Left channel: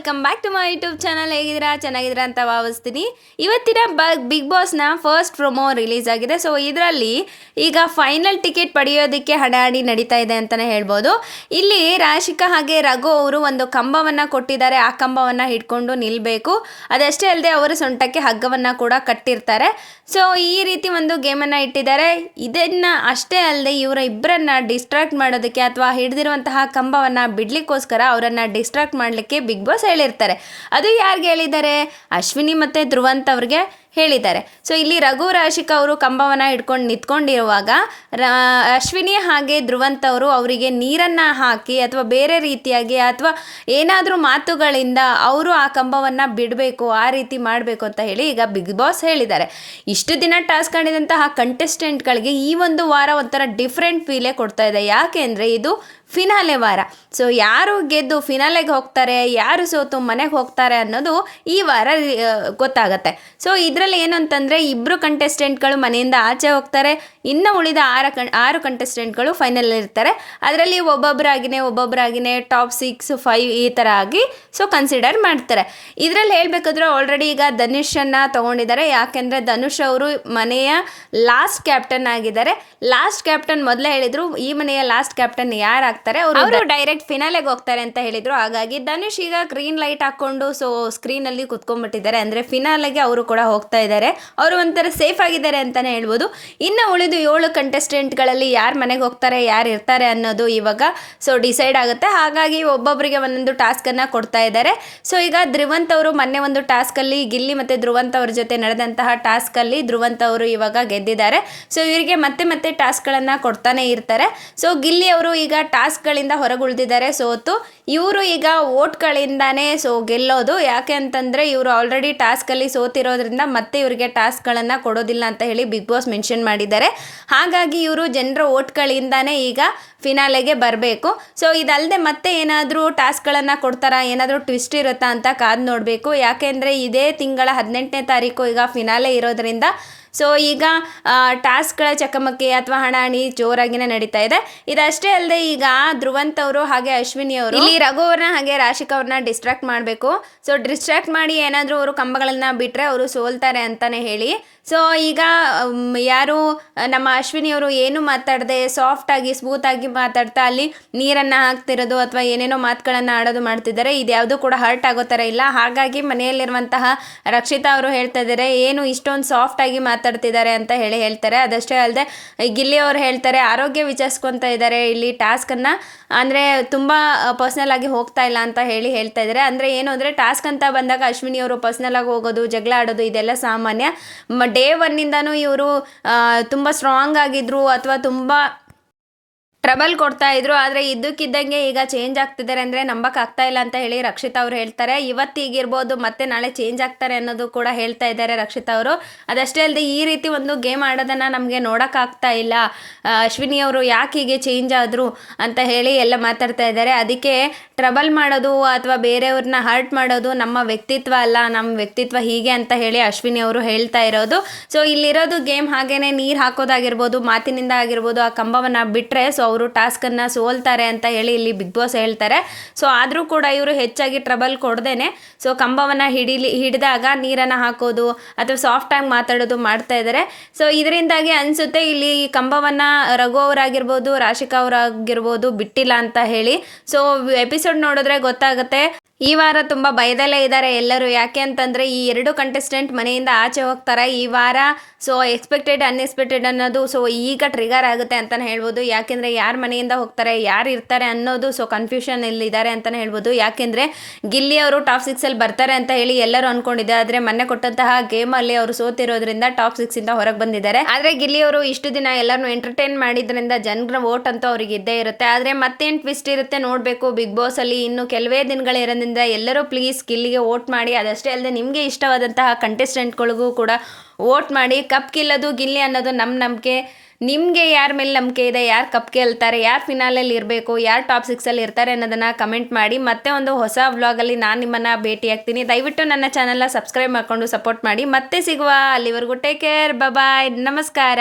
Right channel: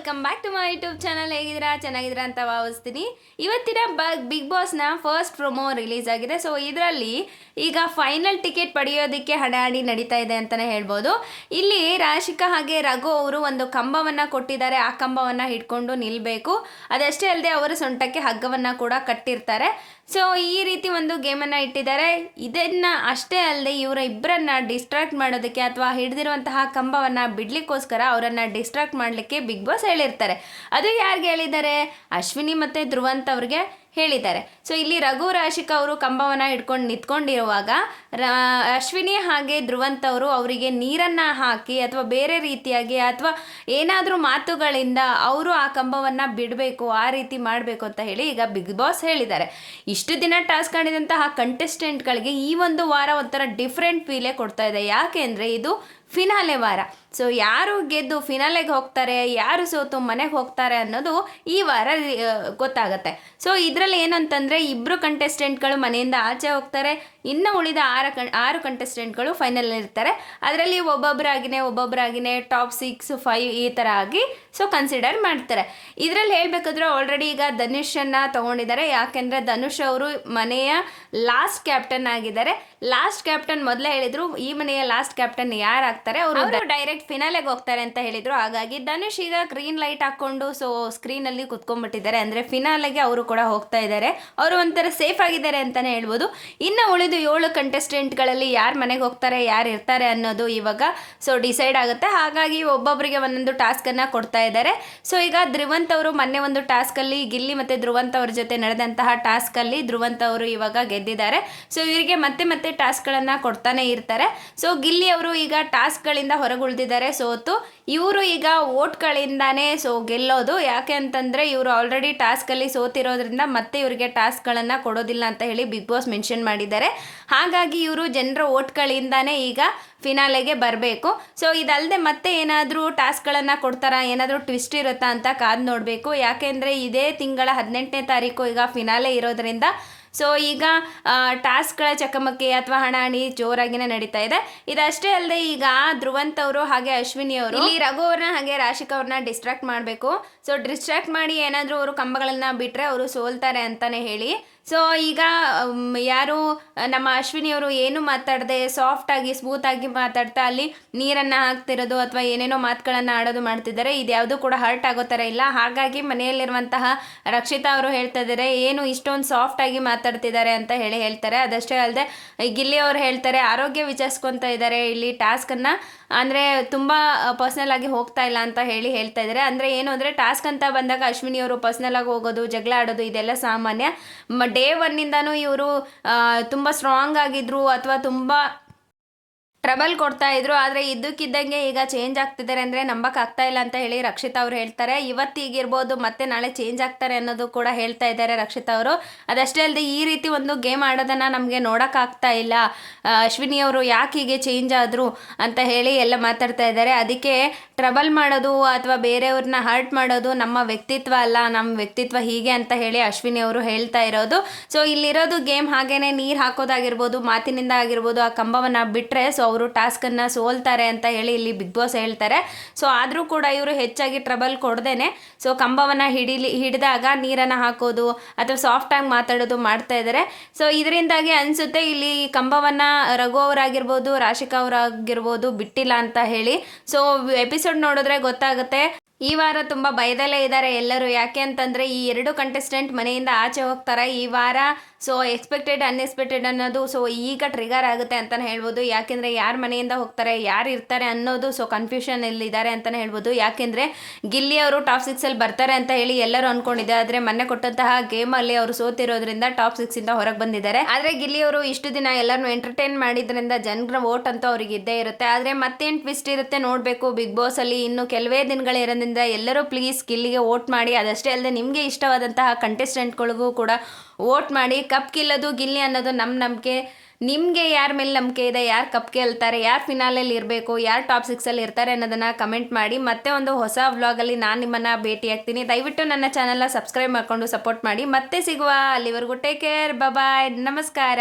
Welcome back to my YouTube channel. ಹೇಗಿದ್ದೀರಾ? ಚೆನ್ನಾಗಿದ್ದೀರಾ ಅಂತ ಭಾವಿಸ್ತೀನಿ. ಇವತ್ತಿನ ಬಿಗ್ ಬಾಸ್ನ ಫಸ್ಟ್ ಪ್ರೊಮೋ ರಿಲೀಸ್ ಆಗಿದೆ. ಸೊ ಇದರಲ್ಲಿ ಈಗ ಫೈನಲ್ ಟಿಕೆಟ್ ಪಡೆಯೋದಕ್ಕೆ ಹಣಾಹಣಿ ನಡೀತಾ ಇದೆ ಅಂತಲೇ ಹೇಳ್ಬೋದು. ಇಲ್ಲಿ ರಾಶಿಕಾ ಹಾಗೆ ರಘು ಅವರು ಒಂದು ಕಂಬವನ್ನು ಕೊಟ್ಟಿದ್ದಾರೆ. ಆ ಕಂಬವನ್ನು ಹಿಡ್ಕೊಂಡು ನಿಲ್ಲಬೇಕು. ಅದಷ್ಟೇ ಅಲ್ಲದೆ ಅವರು ಸೊಂಟಕ್ಕೆ ಹಗ್ಗವನ್ನು ಕೂಡ ಕಟ್ಟಿರ್ತಾರೆ. ಸೊ ಈ ರೀತಿ ಒಂದು ಗೇಮನ್ನು ಇಟ್ಟಿದ್ದಾರೆ. ಇದನ್ನು ಅಷ್ಟೇ ಅಲ್ಲದೆ ಇವರ ಇಬ್ಬರನ್ನ ಡಿಸ್ಟ್ರಾಕ್ಟ್ ಮಾಡೋದಕ್ಕೆ ಅಥವಾ ಹಿಡಿದಿರುವಂತಹ ಕಂಬವನ್ನು ಬಿಡಲಿಕ್ಕೋಸ್ಕರ ಅವರನ್ನು ಡಿಸ್ಟ್ರಾಕ್ಟ್ ಮಾಡಲಿಕ್ಕೆ ಬಿಗ್ ಬಾಸ್ ಹೇಳಿರ್ತಾರೆ. ಅದು ಯಾರಿಗೆ ಹೇಳಿದ್ದಾರೆ? ಅಶ್ವಿನಿ ಮತ್ತು ಧ್ರುವಂತ್ ಅವ್ರಿಗೆ ಹೇಳಿದ್ದಾರೆ. ಸೊ ಇಲ್ಲಿ ರಘು ರಾಶಿಕಾ ಅವರು ಕಂಬವನ್ನು ಹಿಡ್ಕೊಂಡು ನಿಂತ್ಕೊಂಡಿರುವಾಗ ಅಶ್ವಿನಿ ಹಾಗೆ ಧ್ರುವಂತ್ ಅವರು ಅವರಿಗೆ ನೀರನ್ನು ಹಾಕಿ ಅಥವಾ ಬೇರೆ ರೀತಿಯಾಗಿ ಅಥವಾ ಏನಾದರೂ ಮಾತುಗಳಿಂದ ಅವರು ಆ ಕಂಬವನ್ನು ಬಿಡಬೇಕು, ಆ ರೀತಿ ಮಾಡಬೇಕು ಅಂತ ಹೇಳಿ ಈಗ ಬಿಗ್ ಬಾಸ್ ಹೇಳಿದ್ದಾರೆ. ಇಷ್ಟು ದಿನ ಟಾಸ್ಕ್ ಆಡಿದಂತಹ ಕಂಟೆಸ್ಟೆಂಟ್ಗಳಿಗೆ ಈ ಒಂದು ವಾರ ಒಂಥರ ಡಿಫ್ರೆಂಟ್ ಫೀಲೇ ಕೊಡ್ತಾ ಇದೆ. ಯಾಕೆ ಅಂದರೆ ಇದು ಫಿನಾಲೆ ವಾರ. ಸೊ ಯಾರು ಗೆದ್ದು ಫಿನಾಲೆಗೆ ಹೋಗ್ತಾರೆ, ಯಾರು ಸೋತು ಮನೆಗೆ ಹೋಗ್ತಾರೆ ಅನ್ನೋದು ಈ ವಾರ ಗೊತ್ತಾಗತ್ತೆ. ಸೊ ಇದರಲ್ಲಿ ಏನಂತಂದರೆ ಇಬ್ಬರು ಕಂಟೆಸ್ಟೆಂಟ್ಗಳು ಮನೆಯಿಂದ ಆಚೆ ಹೋಗ್ತಾರೆ. ಇನ್ನು ಉಳಿದ ಆರು ಕಂಟೆಸ್ಟೆಂಟ್ಗಳು ಫೈನಲ್ ಇರ್ತಾರೆ. ಅದರಲ್ಲಿ ಒಬ್ಬೊಬ್ಬರಾಗಿನೇ ಟಾಪ್ 6, 5 ಈ ಥರ ಆಗಿ ಸೊ ಕನ್ಸಿಡರ್ ಮಾಡ್ತಾರೆ. ಇದರಲ್ಲಿ ಹೇಳಬೇಕಾದ್ರೆ ಆಲ್ರೆಡಿ ಈಗ ಧನುಷನ್ನು ತೊಗೊಂಡಿದ್ದಾರೆ. ಯಾಕೆಂದರೆ ಧನುಷ್ ಅವರು ಮನೆಯ ಲಾಸ್ಟ್ ಕ್ಯಾಪ್ಟನ್ ಆಗಿದ್ದಾರೆ. ಲಾಸ್ಟ್ ಕ್ಯಾಪ್ಟನ್ ಮೊದಲೇ ಹೇಳಿದರು, ಈ ಮನೆಯ ಲಾಸ್ಟ್ ಕ್ಯಾಪ್ಟನ್ ಯಾರು ಆಗ್ತಾರೆ ಅವರು ಡೈರೆಕ್ಟ್ ಫಿನಾಲೆಗೆ ಹೋಗ್ತಾರೆ ಅಂತ ಹೇಳಿದರು. ಹಾಗಾಗಿ ಧನುಷ್ ಈಗ ಗ್ರೀನ್ ಲೈಟ್ ಹಾಕ್ಕೊಂಡು ಸೊ ಸ್ಕ್ರೀನಲ್ಲಿ ಕುತ್ಕೊಂಡ್ಬಿಟ್ಟಿದ್ದಾರೆ. ಅಂದರೆ ಫಿನಾಲೆಗೆ ಅವರು ಕೂಡ ಹೋಗ್ತಾ ಇದ್ದಾರೆ. ಅವರು ಒಂಥರ ಸೇಫ್ ಆಗಿದ್ದಾರೆ ಅಂತಲೇ ಹೇಳ್ಬೋದು. ಇನ್ನು ಉಳಿದು 7 ಕಂಟೆಸ್ಟೆಂಟ್ಗಳಲ್ಲಿ ಯಾರು ಮನೆಗೆ ಹೋಗ್ತಾರೆ, ಯಾರು ಇರ್ತಾರೆ ಅನ್ನೋದು ಇವಾಗ ಸೊ ಡಿಸೈಡ್ ಆಗುತ್ತೆ. ಹಾಗಾಗಿ ಒಬ್ಬೊಬ್ಬರಿಗೆ ಒಂದೊಂದು ಟಾಸ್ಕನ್ನು ಕೊಡ್ತಾ ಇದ್ದಾರೆ. ಸೊ ಈಗ ಧ್ರುವಂತ್ ಅವರು ಮೊನ್ನೆ ಒಂದು ಟಾಸ್ಕಲ್ಲಿ ಗಿಲ್ಲಿ ಮತ್ತು ಧ್ರುವಂತ್ ಅವ್ರ ಜೊತೆ ನಡೆದಂತಹ ಟಾಸ್ಕಲ್ಲಿ ಧ್ರುವಂತ್ ಅವರು ಇವಾಗ ಗೆದ್ದಿದ್ದಾರೆ. ಸೊ ಇವರಿಗೆ ಮತ್ತೆ ಟಾಸ್ಕ್ಗಳನ್ನು ಕೊಡ್ತಾನೆ ಇರ್ತಾರೆ. ಸೊ ಗಿಲ್ಲಿ ಅವರು ಈಗ ಟಾಸ್ಕ್ಗಳಿಂದ ಹೊರಗುಳಿದಿದ್ದಾರೆ ಸೋತು. ಇವರು ಈಗ ವೋಟ್ಗಳಿಂದಾನೇ ಸೊ ಗೆಲ್ಲೋದು. ಯಾಕೆ ಅಂತಂದರೆ ಇವರು ಆಲ್ರೆಡಿ ಟಾಸ್ಕಲ್ಲಿ ಸೋತಿರೋದ್ರಿಂದ ಮತ್ತೆ ಇವರಿಗೆ ಟಾಸ್ಕ್ಗಳನ್ನು ಕೊಡೋದಿಲ್ಲ ಅಂತ ಹೇಳಿ ಬಿಗ್ ಬಾಸ್ ಮೆನ್ಷನ್ ಮಾಡಿದ್ದಾರೆ. ಹಾಗಾಗಿ ಇವರು ಜನರ ವೋಟ್ಗಳಿಂದಾನೇ ಈಗ ಫಿನಾಲೆಗೆ ಬರಬೇಕು. ಸೊ ಇದಲ್ಲದೆ ಮತ್ತೆ ಏನಾದರೂ ಟಾಸ್ಕ್ಗಳನ್ನು ಕೊಡ್ತಾರಾ, ಏನಾದರೂ ಟ್ವಿಸ್ಟ್ ಇರುತ್ತಾ ಅಂತ ಕಾದು ನೋಡಬೇಕು. ಯಾಕೆಂದರೆ ಇದೇ ತಿಂಗಳ 18ನೇ ತಾರೀಕು ಈಗ ಫಿನಾಲೆ ಇರೋದ್ರಿಂದ ಸೊ ಈಗ ಟಾಸ್ಕ್ಗಳ ಚಕಮಕಿ ಅಥವಾ ಹಣಾಹಣಿ ಜೋರಾಗಿನೇ ನಡೀತಾ ಇದೆ. ಇದಷ್ಟೇ ಅಲ್ಲದೆ ಈಗ ಧ್ರುವಂತ್ ಅವರು ಹಾಗೆ ಅಶ್ವಿನಿ ಅವರು ಇಲ್ಲಿ ರಘು ಅವ್ರನ್ನ ಹಾಗೆ ರಾಶಿಕಾ ಅವ್ರನ್ನ ಡಿಸ್ಟ್ರಾಕ್ಟ್ ಮಾಡಬೇಕು. ಸೊ ಡಿಸ್ಟ್ರಾಕ್ಟ್ ಮಾಡಿ ಏನಾದರೂ ಅವರು ಕಂಬಗಳನ್ನು ಬಿಟ್ಟರೆ ಅವರು ಸೋಲ್ತಾರೆ ಅಂತಲೇ ಹೇಳಿ ಸೊ ಈಗ ಯಾರು ನಮ್ಮ ಅಶ್ವಿನಿಯವರು ಏನು ಮಾತಾಡದೆ ಸಾಫ್ಟಾಗಿ ಸ್ಮೂತಾಗಿ ಮಾತಾಡ್ತಾ ಅಲ್ಲಿ ನೀರನ್ನು ಹಾಕ್ತಿರೋದು ಅಥವಾ ಏನೇನೋ ಮಾತುಗಳನ್ನು ಆಡೋದು ಮಾಡ್ತಿದ್ದಾರೆ. ಇದು ಯಾವುದೂ ಕೂಡ ಹರ್ಟ್ ಆಗೋ ಥರ ಇಲ್ಲ. ಹಾಗಾಗಿ ಮನೆಯಲ್ಲಿರುವಂತಹ ರಕ್ಷಿತಾ ಅವರು ಹೇಳ್ತಾ ಇದ್ದಾರೆ, ಏನು ಇಷ್ಟೊಂದು ಸಾಫ್ಟಾಗಿ ಮಾತಾಡ್ತಿದ್ದಾರೆ ಅಂತ ಹೇಳ್ತಾರೆ. ಅದಷ್ಟೇ ಅಲ್ಲದೆ ಗಿಲ್ಲಿ ಅವರು ಹೇಳ್ತಾರೆ, ಆರೋಗ್ಯ ವಿಚಾರಿಸ್ಕೊತಾ ಇದ್ದಾರೆ ಇಲ್ಲಿ ಟಾಸ್ಕನ್ನು, ಅಂದರೆ ತುಂಬ ಪರ್ಸ್ನಲ್ ಆಗಿ ಹೋಗ್ತಾ ಇಲ್ಲ ಅಂತ ಹೇಳ್ತಾ ಇದ್ದಾರೆ. ಅಂದರೆ ಏನು ಅಂದರೆ ಟಾಸ್ಕ್ ಅಂತ ಬಂದಾಗ ಅಶ್ವಿನಿಯವರು ಪರ್ಸ್ನಲ್ ಆಗಿ ಹೋಗೋದು, ಜಗಳ ಆಡೋದು ಇದೆಲ್ಲ ಸಾಮಾನ್ಯ. ಡೇ 1ನಿಂದನೂ ಇವರು ತುಂಬ ಸ್ಟ್ರಾಂಗ್ ಆಗಿದ್ರು ಅಥವಾ ತುಂಬ ಟ್ರಬಲ್ ಕೊಡ್ತಾ ಇದ್ರು. ಆದರೆ ಇದ್ದಕ್ಕಿದ್ದಂಗೆ ಈಗ ಚೇಂಜ್ ಆಗ್ತಿದ್ದಾರೆ ಅಂದರೆ ನಂಬಕ್ಕಾಗ್ತಾ ಇಲ್ಲ ಅಂತ ಹೇಳಿ ರಕ್ಷಿತಾ ಅವರು ಹೇಳ್ತಾರೆ. ಇವತ್ತಿಗಿರ್ಬೋದು ಮತ್ತೆ ನಾಳೆ ಚೇಂಜ್ ಆಗ್ತಾರೆ ಅನ್ನೋದು ಕೂಡ ಹೇಳ್ತಾ ಇದ್ದಾರೆ ರಕ್ಷಿತಾ ಅವರು. ಅದಷ್ಟೇ ಅಲ್ಲದೆ ಈ ರೀತಿ ಒಂದು ಗೇಮ್ ಆಡೋದನ್ನು ನಮಗೆ ನೋಡೋಕ್ಕಾಗ್ತಾ ಇಲ್ಲ, ಅಶ್ವಿನಿ ಅವರು ಯಾಕೆ ಹೀಗೆ ಚೇಂಜ್ ಆದರು ಅಂತ ಹೇಳಿ ಎಲ್ಲ ಮಾತಾಡ್ತಾ ಇದ್ದಾರೆ. ಅದಕ್ಕೆ ಟ್ರಬಲ್ ಮಾಡೋದು ಅಥವಾ ಬೇರೆಯವ್ರನ್ನ ಹರ್ಟ್ ಮಾಡೋದು ನಮ್ಮ ವ್ಯಕ್ತಿತ್ವ ಅಲ್ಲ, ನಮ್ಮ ವ್ಯಕ್ತಿತ್ವ ಹೀಗೆ ಅಂತ ಹೇಳಿ ಅಶ್ವಿನಿ ಅವರು ಹೇಳ್ತಾ ಇರೋದು. ಸೊ ಇಲ್ಲಿರೋದು ಗೇಮ್ ಹಾಗೇನೆ ನೀರು ಹಾಕೋದಾಗಿರ್ಬೋದು, ಮಾತಿನಿಂದ ಆಗಿರ್ಬೋದು, ಆ ಕಂಬವನ್ನು ಬಿಟ್ಟರೆ ಸೊ ಅವರು ಟಾಸ್ಕನ್ನು ಸೋಲ್ತಾರೆ ಅಂತ ಹೇಳಿ ಇಲ್ಲಿ ಬಿಗ್ ಬಾಸ್ ಹೇಳ್ತಾರೆ. ಸೊ ಆದರೂ ಕೂಡ ಇವರು ಹೆಚ್ಚಾಗಿ ಟ್ರಬಲ್ ಕೊಡ್ದೇನೆ ಸೊ ಕಂಬವನ್ನು ಹಿಡಿದಾಗ ನೀರನ್ನು ಹಾಕೋದು ಅಥವಾ ಸಾಫ್ಟಾಗಿ ಮಾತಾಡೋದು ಮಾಡ್ತಾ ಇದ್ದಾರೆ. ಸೊ ಇದರಿಂದಾಗಿ ಅನಿಸುತ್ತೆ ಇಲ್ಲಿ ಕಂಬವನ್ನು ರಘು ಅವರಾಗಿರ್ಬೋದು, ರಾಶಿಕಾ ಅವರಾಗಿರ್ಬೋದು ಬಿಟ್ಟಿಲ್ಲ ಅಂತ ಹೇಳಿ. ಸೊ ಎಪಿಸೋಡ್ ನೋಡಿದ್ರೆ ಗೊತ್ತಾಗುತ್ತೆ. ಈ ವಾರ ತುಂಬ ಭಯದಲ್ಲೇ ಇದ್ದಾರೆ ಎಲ್ಲರೂ. ಯಾಕೆ ಅಂತಂದರೆ ಈ 2 ಕಂಟೆಸ್ಟೆಂಟ್ ಮನೆಯಿಂದ ಆಚೆ ಹೋಗ್ತಾರೆ ಈ ವಾರ. ಸೊ ಎಕ್ಸ್ಪೆಕ್ಟೆಡ್ ಅನ್ಎಕ್ಸ್ಪೆಕ್ಟೆಡ್ ಅನ್ನೋದು ಸೊ ಈಗ ಟ್ರಿಗರ್ ಆಗುತ್ತೆ ಅಂತಲೇ ಹೇಳ್ಬೋದು. ಯಾಕೆಂದರೆ ಯಾರು ಮನೆಯಿಂದ ಹೋಗ್ತಾರೆ, ಯಾರು ಇರ್ತಾರೆ ಅನ್ನೋದು ಸೊ ಕನ್ಫ್ಯೂಷನ್ ಇದ್ದಾರೆ ಅಂತಲೇ ಹೇಳ್ಬೋದು. ಯಾಕೆಂದರೆ ಗಿಲ್ಲಿ ಅವರು ಟಾಪ್ 6 ಬರ್ತಾರೆ ಅಂತ ಹೇಳಿ ಎಲ್ಲರೂ ಅಂದ್ಕೊಂಡಿದ್ದಾರೆ. ಆದರೆ ಮೊನ್ನೆ ಕೊಟ್ಟಂತಹ ಗೇಮಲ್ಲಿ ಅವರು ಸೋತಿರೋದ್ರಿಂದ ಟಾಪ್ 6 ಹೊರಗೆ ಬಂದಿದ್ದಾರೆ. ಆದರೆ ಗಿಲ್ಲಿ ಅವರು ಇಷ್ಟು ದಿನ ಎಲ್ಲರನ್ನೂ ಎಂಟರ್ಟೈನ್ ಮಾಡಿದ್ರಿಂದ ಜನರ ವೋಟ್ ಅಂತೂ ಅವ್ರಿಗೆ ಇದ್ದೇ ಇರುತ್ತೆ. ಆದರೆ ಮತ್ತೇನು ಟ್ವಿಸ್ಟ್ ಇರುತ್ತೆ ನೋಡಬೇಕು ಬಿಗ್ ಬಾಸಲ್ಲಿ. ಇನ್ನು ಕೆಲವೇ ದಿನಗಳಿರೋದ್ರಿಂದ ಎಲ್ಲರೂ ಪ್ಲೀಸ್ ಗಿಲ್ಲಿಗೆ ವೋಟ್ ಮಾಡಿ. ಅದಷ್ಟೇ ಅಲ್ಲದೆ ನಿಮಗೆ ಇಷ್ಟವಾದಂತಹ ಕಂಟೆಸ್ಟೆಂಟ್ಗಳಿಗೂ ಕೂಡ ವೋಟ್ ಮಾಡಿ. ಕಪ್ ಗೆಲ್ಲೋದು ಗಿಲ್ಲಿ ಅನ್ನೋದು ನಮ್ಮ ನಂಬಿಕೆ. ನಿಮಗೆ ಯಾರ ಮೇಲೆ ನಂಬಿಕೆ ಇದೆ, ಯಾರು ಕಪ್ ಗೆಲ್ತಾರೆ, ಯಾರು ಫಿನಾಲಲ್ಲಿ ಇರಬೇಕು, ಯಾರು ಟಾಪ್ 6 ಇರ್ತಾರೆ ಅನ್ನೋದನ್ನು ಕಮೆಂಟ್ ಮಾಡಿ. ಮತ್ತೆ ಒಂದು ಹೊಸ ವ್ಲಾಗಲ್ಲಿ ನಾನು ನಿಮ್ಮನ್ನು ಭೇಟಿಯಾಗ್ತೀನಿ. ದಯವಿಟ್ಟು ನನ್ನ ಚಾನಲ್ನ ಸಬ್ಸ್ಕ್ರೈಬ್ ಮಾಡಿಕೊಂಡು ಸಪೋರ್ಟ್ ಮಾಡಿ. ಮತ್ತೆ ಸಿಗುವ, ಅಲ್ಲಿವರೆಗೂ ಟೇಕ್ ಕೇರ್, ಬಾಯ್, ನಮಸ್ಕಾರ.